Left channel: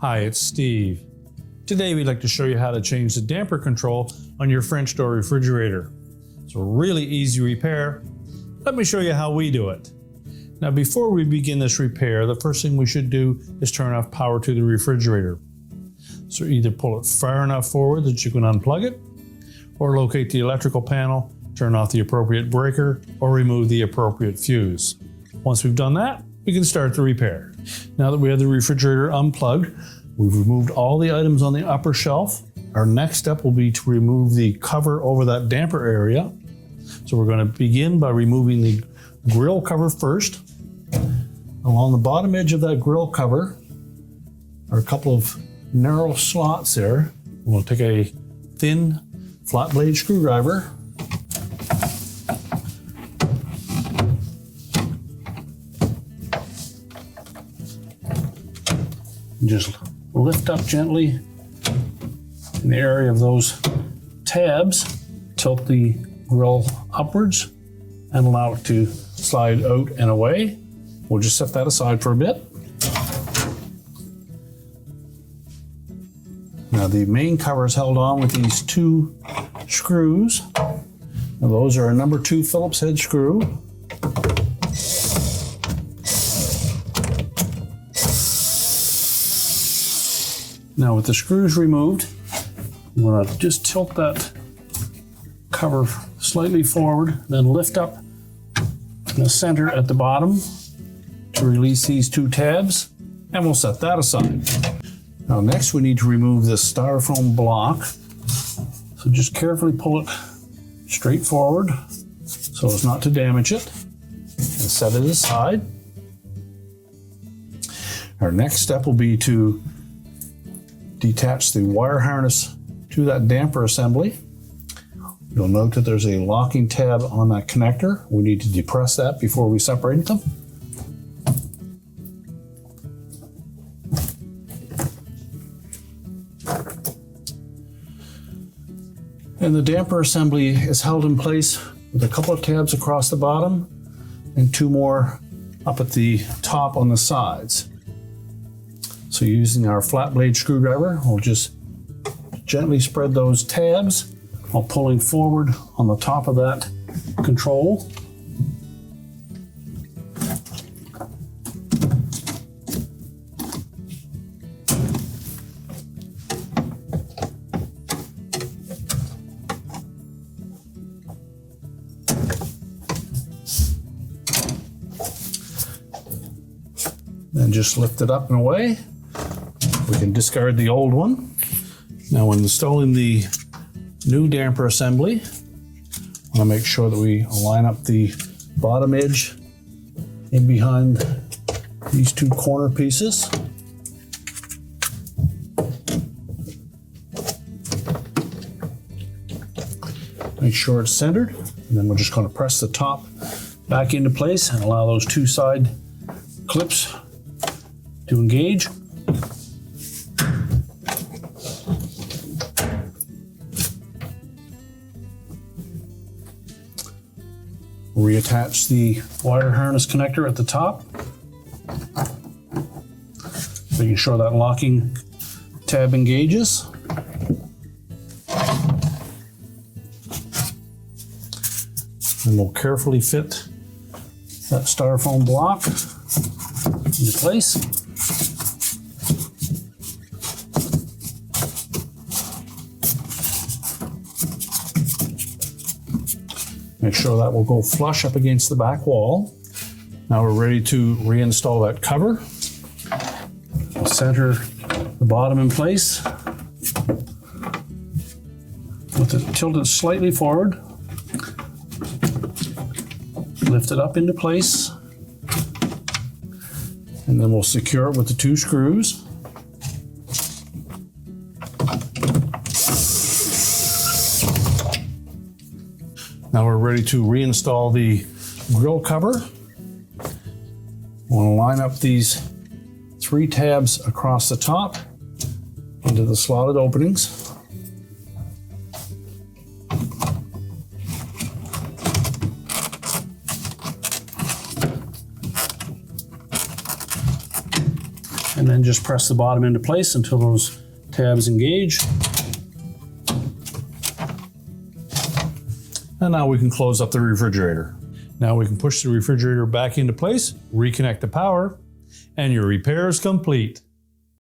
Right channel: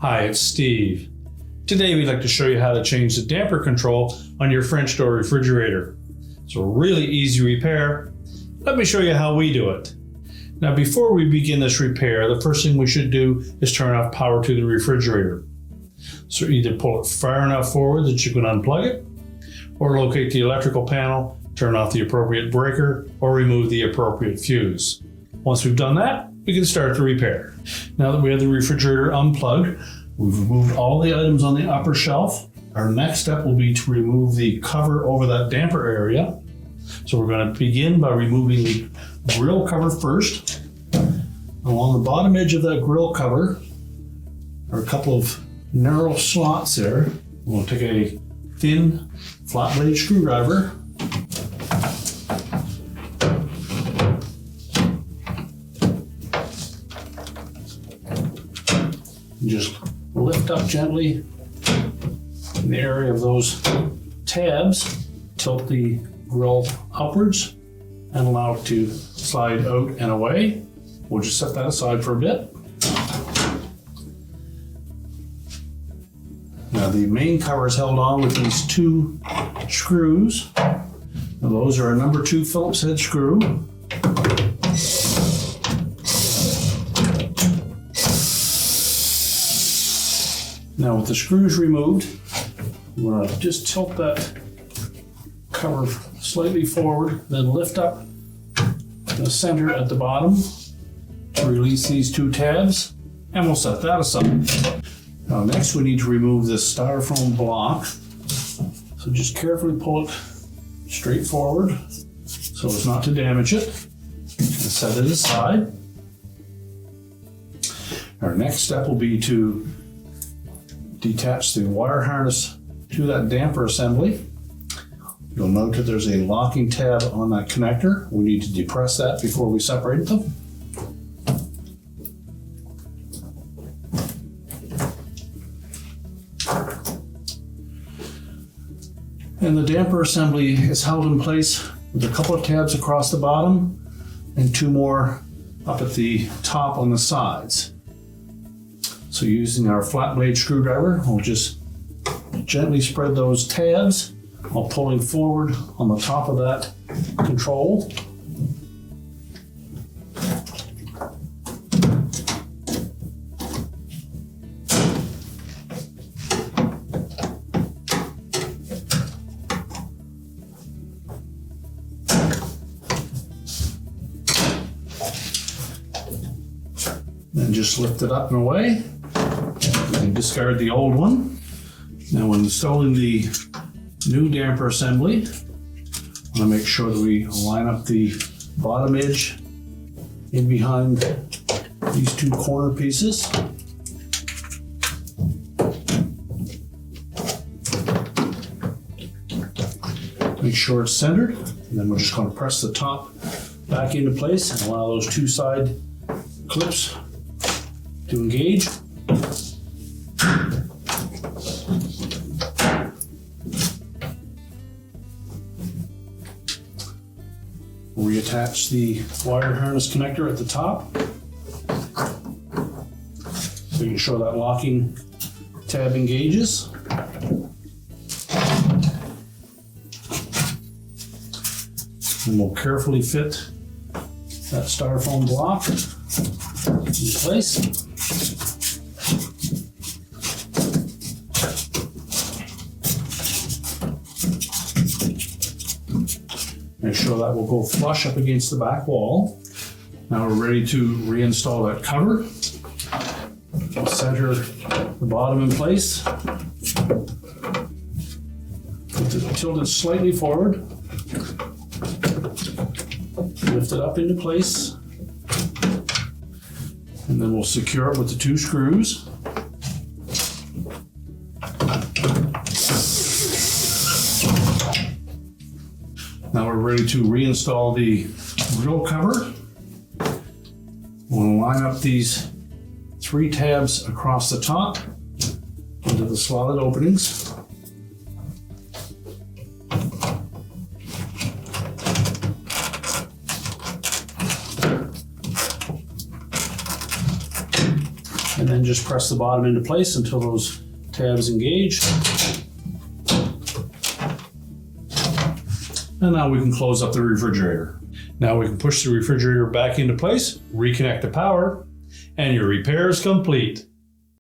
Hi, it's Steve. Today we'd like to show you how to change the damper control on your French door refrigerator. It's a really easy repair. Let me show you how we do it. Now before we begin this repair, the first thing we should do is turn off power to the refrigerator. So either pull it far enough forward that you can unplug it, or locate the electrical panel, turn off the appropriate breaker, or remove the appropriate fuse. Once we've done that, we can start the repair. Now that we have the refrigerator unplugged, we've removed all the items on the upper shelf. Our next step will be to remove the cover over that damper area. So we're going to begin by removing the grill cover first. Along the bottom edge of that grill cover are a couple of narrow slots there. We're going to take a thin flat blade screwdriver and just lift up gently in the area of those tabs, tilt the grill upwards and allow it to slide out and away. We'll just set that aside for a bit. Now the main cover is held on with these two screws. Now those are a number 2 Phillips head screw. Now with the screws removed, I'm going to just tilt that cover slightly forward, then lift up in the center at the bottom to release these 2 tabs, and we'll set that aside. Now next we need to remove this styrofoam block. So just carefully pull it straight forward so as not to damage it, and set it aside. Our next step will be to detach the wire harness to that damper assembly. You'll note that there's a locking tab on that connector. We need to depress that before we separate them. And the damper assembly is held in place with a couple of tabs across the bottom and 2 more up at the top on the sides. So using our flat blade screwdriver, we'll just gently spread those tabs while pulling forward on the top of that control. Then just lift it up and away. We can discard the old one. Now when installing the new damper assembly, I want to make sure that we line up the bottom edge in behind these 2 corner pieces. Make sure it's centered, and then we're just going to press the top back into place and allow those 2 side clips to engage. Reattach the wire harness connector at the top, making sure that locking tab engages. And we'll carefully fit that styrofoam block into place. Make sure that will go flush up against the back wall. Now we're ready to reinstall that cover. Center the bottom in place. Tilt it slightly forward. Lift it up into place. And then we'll secure it with the 2 screws. Now we're ready to reinstall the grill cover. We'll line up these 3 tabs across the top into the slotted openings. and then just press the bottom into place until those tabs engage. And now we can close up the refrigerator. Now we can push the refrigerator back into place, reconnect the power, and your repair is complete.